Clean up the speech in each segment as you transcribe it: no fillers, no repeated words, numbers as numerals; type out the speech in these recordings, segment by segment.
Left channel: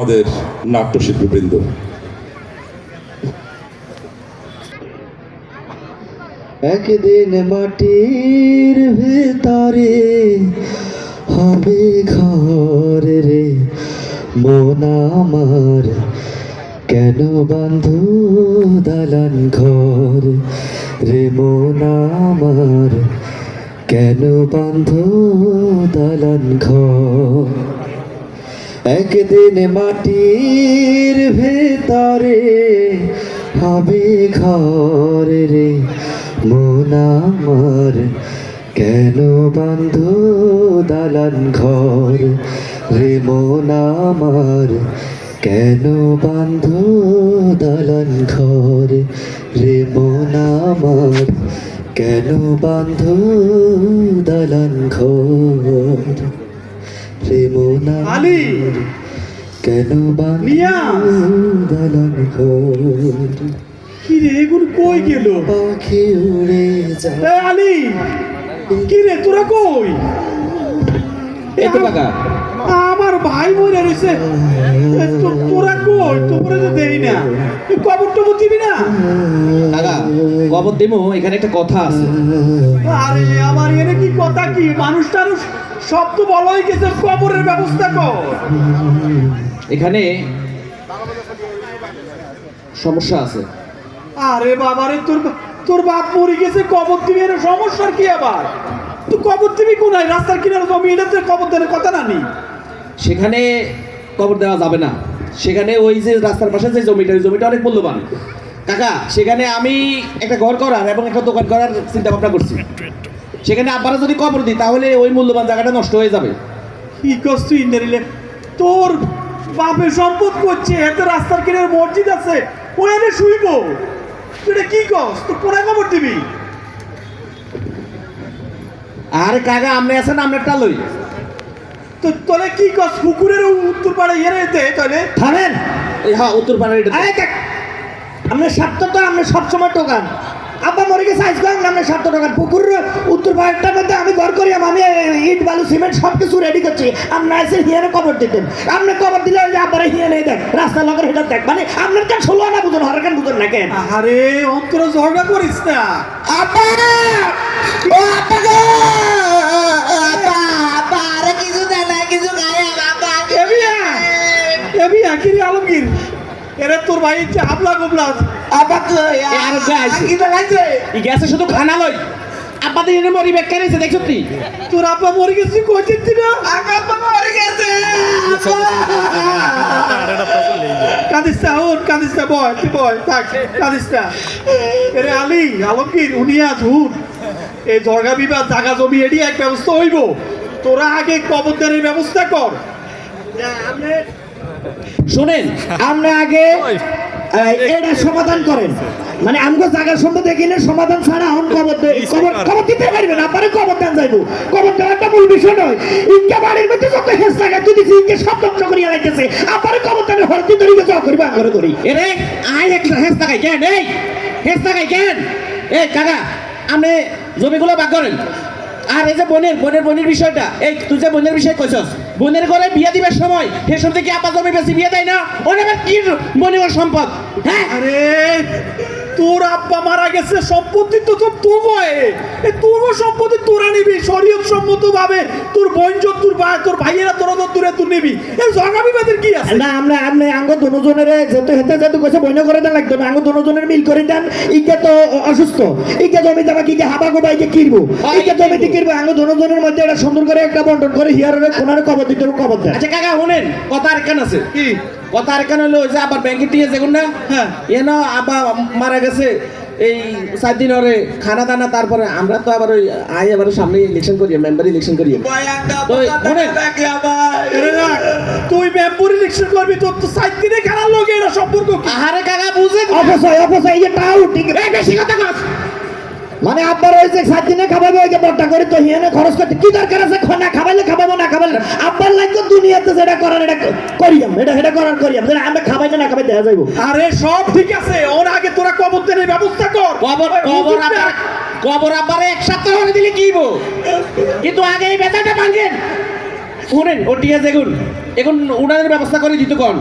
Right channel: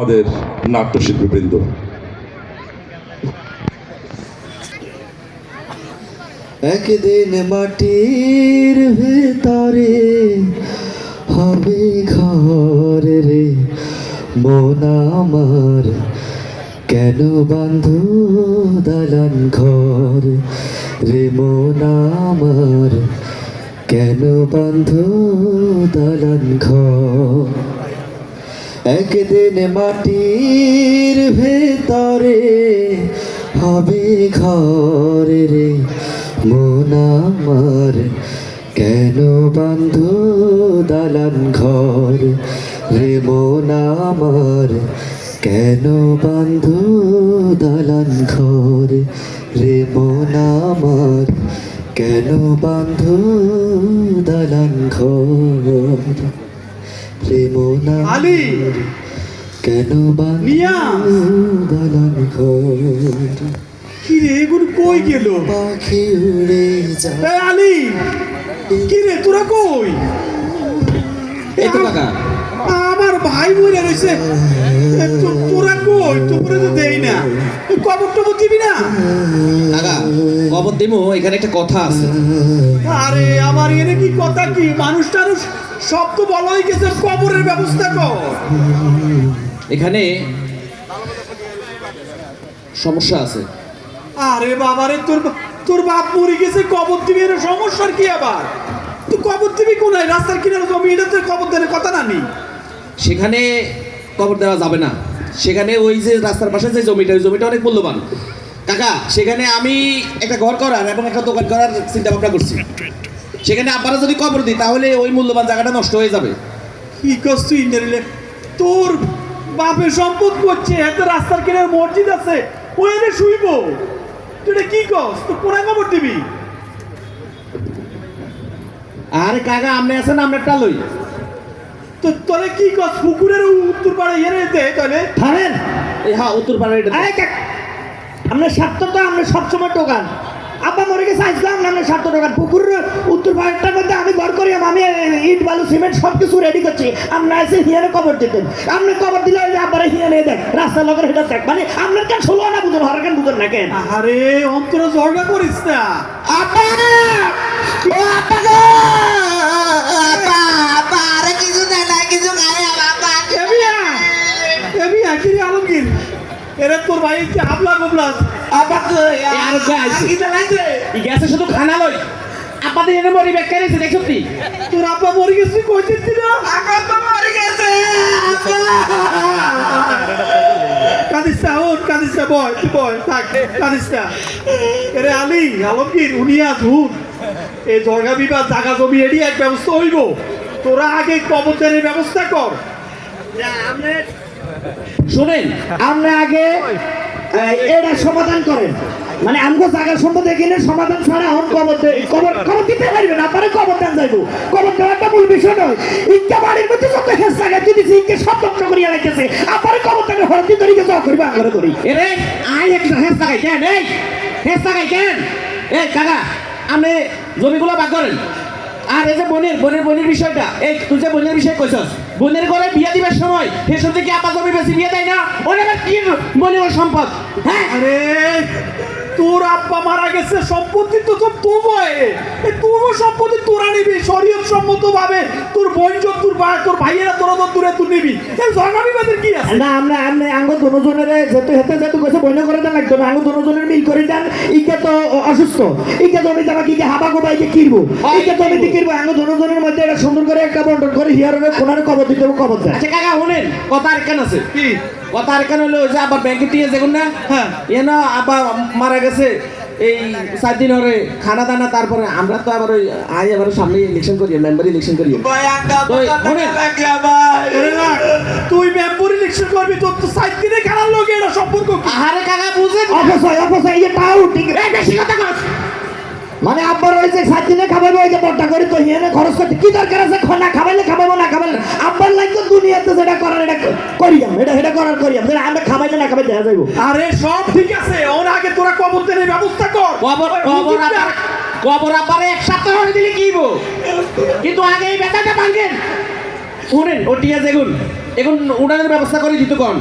আমাদের নাট্যশিল্পীবৃন্দ, একদিন মাটির ভেতরে হবে ঘর রে মন আমার, কেন বাঁধো দালান ঘর রে মন আমার, কেন বাঁধো দালান ঘর। একদিন মাটির ভেতরে হবে ঘর রে মন আমার, কেন বাঁধো দালান ঘর রে মন আমার, কেন বাঁধো দালান ঘর রে মন আমার, কেন বাঁধো দালান ঘর রে মন আলী, কেন বাঁধো নিয়াজ। দালান ঘর। কি রে এগুলো কই গেল? পাখি উড়ে যায় এ আলী, কি রে তোরা কই? এই তো কাকা। আমার ভাই মরে রয়েছে, তোরা কই? তোরা তো দেই না, কবর টবর দিবি না? কাকা কবর দিমু, এখানে একটা কথা আছে। আরে আমার এখানে কি কথা, কি মানুষটার সব তো ভালো হয়ে গেছে, কবরের ব্যবস্থা কর। এখানে সমস্যা আছে। আরে বাবারে, তোর বাপ মরে গেছে, কবর দিবি, এর সমস্যার কি আবার? তুই কবর দিবি কোনায়? রাস্তার কিনারে জমি, এটাতে কবর দেওয়ার কথা না নি। সেখানে কবর দেওয়া যাবে না। সেখানে ওই যে রাস্তার পাশে যে জমিটা, ওই জমিটা অনেক মূল্যবান কাকা। সেখানে আমি একটা ঘর করার এবং একটা দোকান করার চিন্তা ভাবনা করছি। সেখানে আপনারা যদি কবর দিই তাহলে ওই মূল্যবান জায়গাটা নষ্ট হয়ে যাবে। কি করছ তুই ইন্টারিলে? তোর বাপের সম্পদ করছে, এত রাস্তার কিনারে মসজিদ আছে, ওই এনে শুইব। তুই এটা কি করছ? তুই কোনায় কবর দিবি? আরে কাকা আপনি আছেন, আমরা একটা লই। তো তোরা কি করছ? পুকুরের উত্তর পাড়ে এনে দে তাহলে। থামেন। এই হ্যাঁ, উত্তর পাড়ার এটা। আমরা স্বার্থ তো আমরা সবসময় টোকান। আব্বা মরে গেছে আজকে আমরা স্বার্থ টোকান। পুকুরের উত্তর পাড়টার মধ্যে আমি ঘর করি, আমি ইট বালু সিমেন্ট সব কিছু রেডি করছি। আমরা এসে হিয়ারে কবর দিতেন, আমরা কবর দিলে আব্বারে হিয়া নিয়ে দেখ, রাস্তা লগের হেঁটে দেখ। মানে আপনার কেন ষোলো না বুঝুন, হরকেন বুঝুন না কেন? আরে অন্তরে ঝগড়া করিস না। আব্বা ও আব্বা গো, আব্বা আব্বা আরে কিছু দেয় না, কিছু খায় আব্বা। এবি আখিরি আলমগীর, এরা তোর ভাই যে হাবলা গুবলা আব্বা কই আর যাইছে। কি জানাইছে? এই গ্যাসে শুধু খানা লই, আপনাদের এনে মরি ব্যাগ কারিছে দেখছ তুই। তোর আব্বা মরে গেছে, কইছিস না? আব্বা মরে গেছে আব্বা। কাঁদিস না, ওর কাঁদিস না, বয় তুই বয়, থাক, কাঁদিস না। এরে আলী আলমগীর, উনিয়া ঝুট, এই জগা বিবাদ জাগা জমি এডি এক ব্যবস্থা হইব। তোরা আগে কবরদানের ব্যবস্থা কর। শোনেন, আপনি আগে এটা সমাধান করেন। মানে আমগো জায়গা সম্পদে গেলে সমাধান ছাড়া এখন খবর দিতে পারবেন, আপনারা কবর দেন যাইবো। কবর দেওয়াটা মূল বিষয় নয়। ইনকা বাড়ির মধ্যে যত হেস লাগায় যদি ইনকে সব ধ্বংস করিয়া রাখতেছে, আপনারা কবর দেন হরতি তরিকে জব করিবা করে করি। এরে আয় একটা হেস লাগাই কেন? এই হেস লাগাই কেন? এই কাকা আপনি জমিগুলো ভাগ করেন। আর এই যে বোনের বিষয়টা, এই তুই যে বোনের বিষয় কইছস, বোনের ঘরে বিয়ে দিবার সময় ফেসন থেকে আপা জমি বেশি বিয়ে দেয় না, ওরে আবার কি বোনের ওর সম্পদ? হ্যাঁ আরে তোর আব্বা মারা গেছে, সম্পত্তি তো তোর তো বয়, এই তোর সম্পত্তি তোরা নিবি শরীয়ত সম্মত ভাবে। তোর বোন তোর ভাই, তোর ভাইয়েরা তোরা তো দূরে তুই নিবি। এই জগা বিবাদের কি আছে? না আমরা আমগো দুজনের যেতে হেতে যেতে কইছে বইনা করে দেন লাগতো না, আমগো দুজনের মিল করে দেন। ইকে তো অসুস্থ, ইকে জমি দাবা কি হাবা গোবা ইকে কিরবো, ইকে জমিতে কিরবো। আমগো দুজনের মধ্যে একটা সুন্দর করে একটা বন্টন করে হিয়ারের কোনারে কবর দিতে কবর দেন। আচ্ছা কাকা শুনেন, কথা আর কেন আছে কি কথা আর কেন হলো, ওই যে আবার ব্যাংকে টিয়ে যেগুন না, হ্যাঁ এন আব্বা মারা গেছে এই 4 দিন হরে খানা দানা। তারপরে আমরা তো আবার ওই আয় আবার সামনে ইলেকশন করি, মেম্বার ইলেকশন করি। তুই মেম্বার ইলেকশন করবি, তোর তো 7 দিনে খেলার লোক, এরা সম্পর্ক কি? আরে কাকা বুঝে অপচয় ইয়ে তাও ঠিক বেশি কথা কস। মানে আব্বার ওই যে 7 দিনে খাবাইবো, ওই যে বড়টা করে তো হিয়ানে খরচ করতে কি দরকার আছে? না খাবাইলে খাবাইবো, না খাবাইলে আব্বার লাগতো দুনিয়াতে যেটা করার এটা করিয়াম, এটা করার করিয়াম। আমরা খাবাইতে না খাবাইতে দেখা যাইবো। আরে সব ঠিক আছে, ওর আগে তোরা কবরদানের ব্যবস্থা কর। কবর আব্বারে এক সপ্তাহ হয়ে দিলে কি হইবো? কিন্তু আগে এই বেচাটা ভাঙেন। শুনেন ও টিয়া যেগুন এখন উড়ানোর ব্যবস্থা করে দিত কোন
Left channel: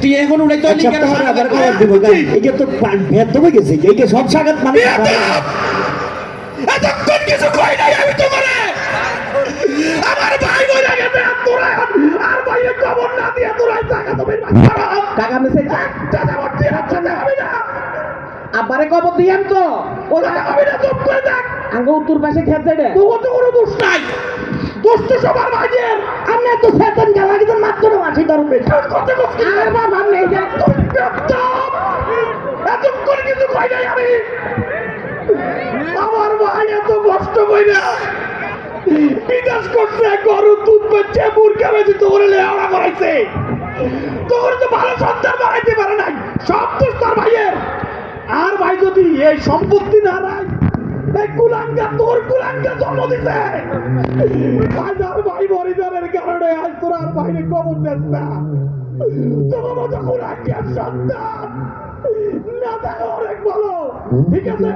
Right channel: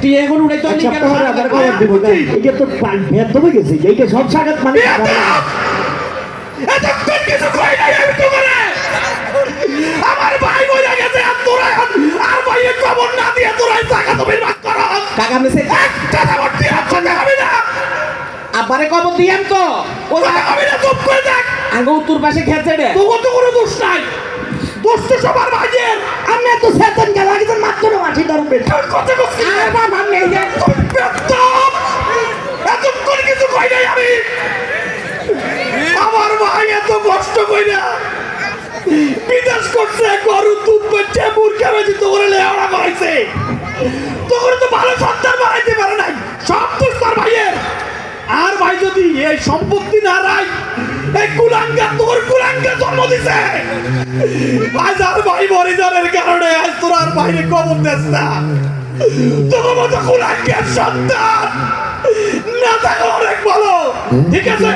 টিয়া এখন উড়াই তো আচ্ছা পরে আবার খবর দিব গাই এইটা তো ব্যর্থ হয়ে গেছে এইটা সব সাগাত মানে এতক্ষণ কিছু কই নাই আমি তো করে আমার ভাই মরে গেছে আর তোরা আর ভাইয়ের খবর না দিয়ে তোরা টাকা তুমি মাছ করা কাকা মেসে একটা খবর দিয়ে কথা হবে না আবারে খবর দিয়াম তো ও কথা হবে না চুপ করে থাক আগে উত্তর পাশে খেতে রে তোর তো কোনো দোষ নাই দোষ তো সবার ভাইয়ের আমি তো সেতন গেলা কিন্তু মাত্র মাছি ধরবে তোর কথা কইছিস আর বাবা নেই যে তোর এতক্ষণ কিছু কই নাই আমি আমার ভাই এত কষ্ট কইরা বিদেশ করছে গরু দুধ বেচে মুরগি বেচে তো করে লেওড়া করাইছে তোর তো ভালো সন্তান বানাইতে পারে নাই সব দোষ তোর ভাইয়ের আর ভাই যদি এই সম্পত্তি না রাই এই কুলাঙ্গা তোর কুলাঙ্গা জন্ম দিছে আজ আর ভাই মরিজানের কারণে আজ তোর আর ভাইরে কবর দেস না তোর মতো কুলাঙ্গার সন্তান না থাকলে অনেক ভালো ঠিক আছে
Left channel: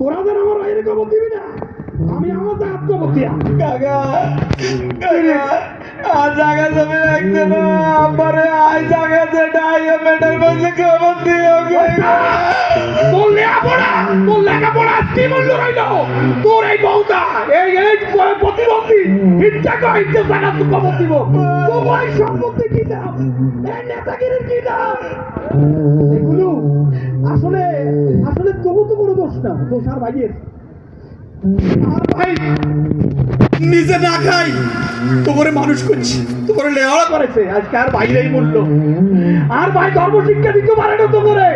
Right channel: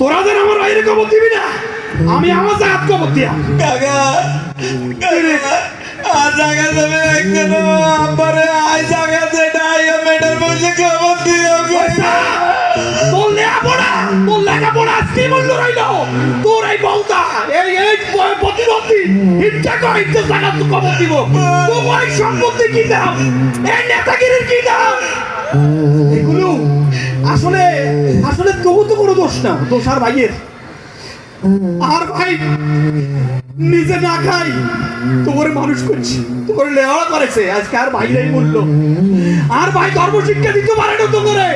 তোরা যেন আমার ভাইরে কবর দিবি না আমি আমার জাত কবর দিয়া কাকা আর জায়গা যাবে একদিন আমারে আই জায়গা দেয় মেডাল বসে কবর দিয়ে তোর লেখাপড়া কি মূল্য রইল তোর এই বউটা এই প্রতিবন্ধী ইচ্ছা করে ইচ্ছে জায়গা তো কবর দিব তোমার সম্পত্তি কি দাম এই নেতাগিরির কি দাম এগুলো আসলে আসলে তবু তো কোনো দোষ না দোষ আর ভাইয়ের আর ভাই নিজে না খাই তোরে মানুষ করছি তোরে লেওয়া করেছে আজকে আর ভাইরাই মূল্য আর ভাই ধর্ম শিক্ষা দিতে পারে না তো করে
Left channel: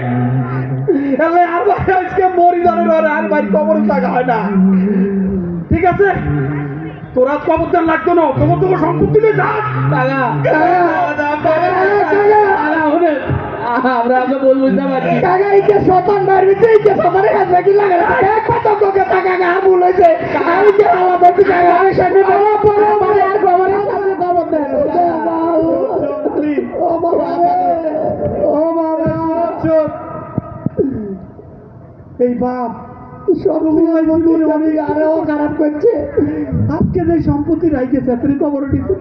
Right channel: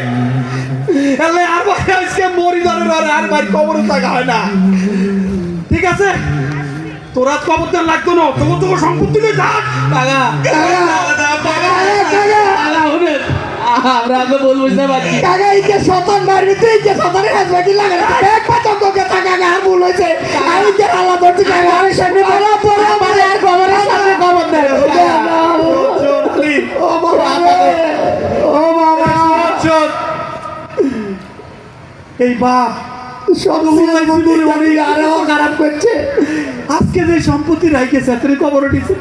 এলে আর ভাই আজকে মরি জানার আর ভাই কবরে থাকা হয় না ঠিক আছে তোরা কবর দেন লাগতো না তোর সম্পত্তি নিয়ে থাক আমরা আগে বলবো না বাকি কাকা এই যে শতান মারি তুই যে শতানের হাত বাকি লাগে এক পাচক কে টাকা আর ভুল হইছে আমি যে আলা ধরতে কাকা আমি সামনে বলা পড়া মানে আর খবর সামনে খবর দেয় ও বাবা ও বাবা এই বাপ সব বন্ধুর অনেক আরো খারাপ করছে আজকে যে সম্পত্তি রাইখেছে তুই খবর দিছে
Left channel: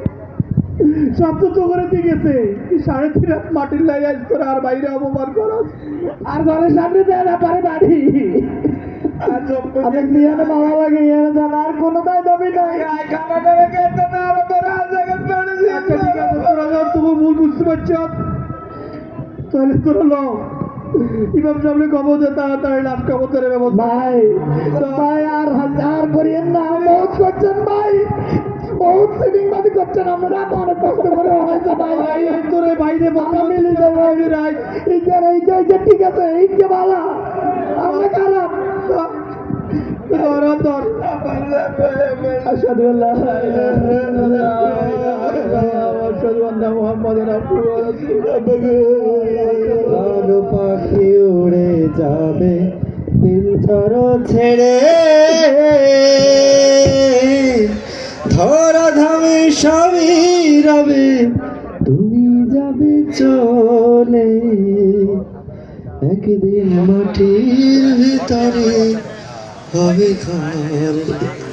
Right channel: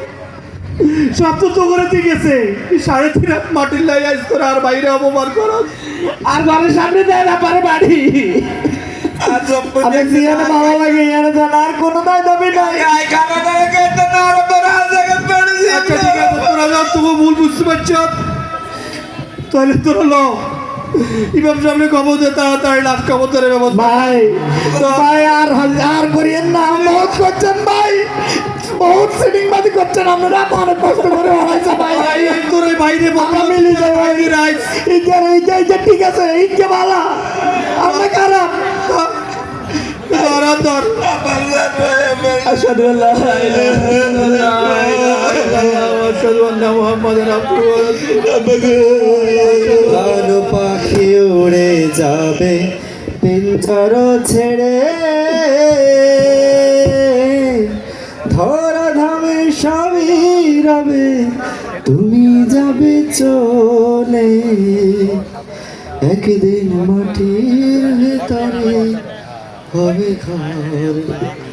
সব তো তো করে দিয়ে গেছে 3.5 হাত মাটির লাই আজ তোর আর বাইরে অপমান করো আর ঘরের সামনে দেয় না পারে বাড়ি আর আমি জিয়ানে বাবা লাগে ইয়ানে তো আর কোনো দায় দাবি নাই আই খানা করে কেটে না আর তোর আর জায়গা পেড়ে দিয়ে আচ্ছা ঠিক আছে তোরা যা তুমি ভুল বুঝতে পারছ তাহলে তোরা লো ইমাম সামনে খবর দে তাড়াতাড়ি লাশ খবর ধরে ব্যবস্থা ভাই ভাই আর করিয়েন না বহুত করছেন ভাই বহুত সিটিং বাদি করছেন আপনারা অনেক কষ্ট করে হয়েছে ভাই তোর এই বাইরে আমরা মিলি যাই ভাই রাইট এই যে ঠিক আছে এই যে ভালো আমরা খারাপ ধর আশহাদু আল্লা ইলাহা ইল্লাল্লাহ আশহাদু আন্না মুহাম্মাদান আবদুহু ওয়া রাসূলুহু ভালো পাখি উড়ে যাবে পিঞ্জর ছেড়ে ধরা ধামে সবই রবে তুমি যাবে চলে একদিন মাটির ভিতরে হবে ঘর